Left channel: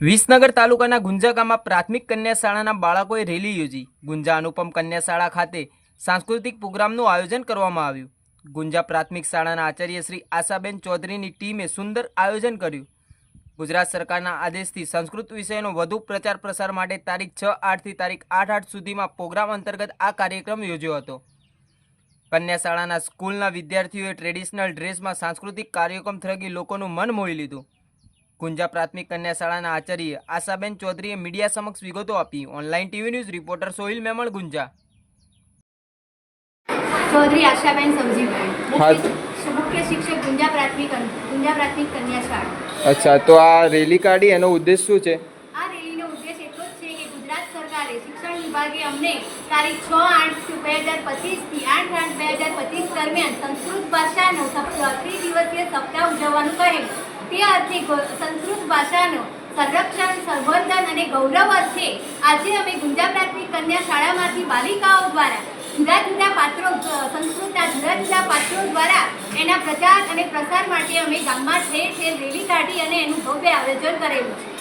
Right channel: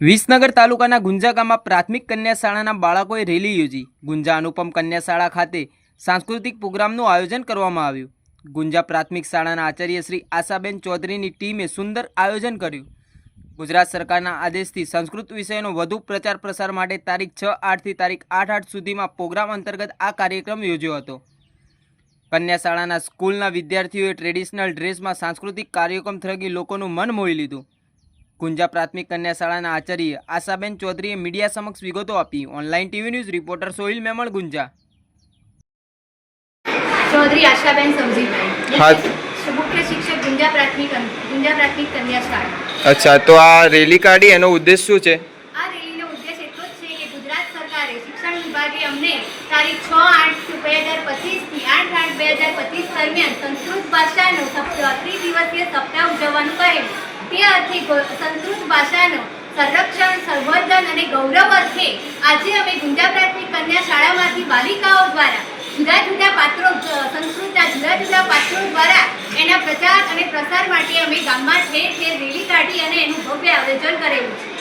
વિસનગર તાલુકાના ગુંજા ગામમાં પ્રાથમિક કન્યા શાળાના બાળકોએ રેલી યોજી. ગુંજા અનુપમ કન્યા શાળા ખાતે સાંસ્કૃતિક પ્રોગ્રામનું આયોજન કરવામાં આવ્યું. ગુંજા પ્રાથમિક શાળાના આચાર્ય શ્રી આશાબેન ચૌધરીની ટીમે સુંદર આયોજન કર્યું. ગુજરાત સરકારના આદેશથી સંસ્કૃત વિષયનો વધુ પ્રચાર પ્રસાર માટે તારીખ છ આઠથી તારીખ આઠ આઠ સુધીમાં પ્રોગ્રામ અંતર્ગત આ કાર્યક્રમ યોજ્યો હતો. કન્યા શાળાના સ્કૂલના વિદ્યાર્થીઓએ ટ્રેડિશનલ ડ્રેસમાં સાંસ્કૃતિક કાર્યક્રમ થકી લોકોનું મન મોહી લીધું. ગુંજા પ્રાથમિક કન્યા શાળાના આચાર્ય આશાબેન ચૌધરીએ મીડિયા સમક્ષ વિગતો આપી. Online TV news reporter Sohil Memon Gunja. Chaudhary Ashaben સમજીભાઈ. હા. મુખ્ય શિક્ષક ગુંજા પ્રાથમિક ગુંજા પ્રાથમિક કન્યા શાળા અચ્છા તો આ રેલી કાઢી એનો ઉદ્દેશ શું છે? આ રેલીનો ઉદ્દેશ એટલો જ છે કે ગુજરાત સરકારે શિક્ષણ વિભાગે અમને તારીખ છ આઠ બે હજાર પચીસથી આઠ આઠ બે હજાર પચીસ દરમિયાન સંસ્કૃત ભાષાનો ત્રિદિવસીય સપ્તાહ ઉજવવાનું કહેલું તે અર્થે સંસ્કૃત ભાષાનો સંરક્ષણ, સંવર્ધન અને ગૌરવ અર્થે આજે અમે ગુંજા પ્રાથમિક કન્યા શાળામાંથી બાલિકાઓ દ્વારા જુદા જુદા પાત્રો સંસ્કૃતના જુદા જુદા પાત્રો દ્વારા એના પ્રચાર અને પ્રસાર માટે અમે ગામમાં ઠેર ઠેર રેલી કાઢી અને એનું ભવ્ય આયોજન કરેલું છે.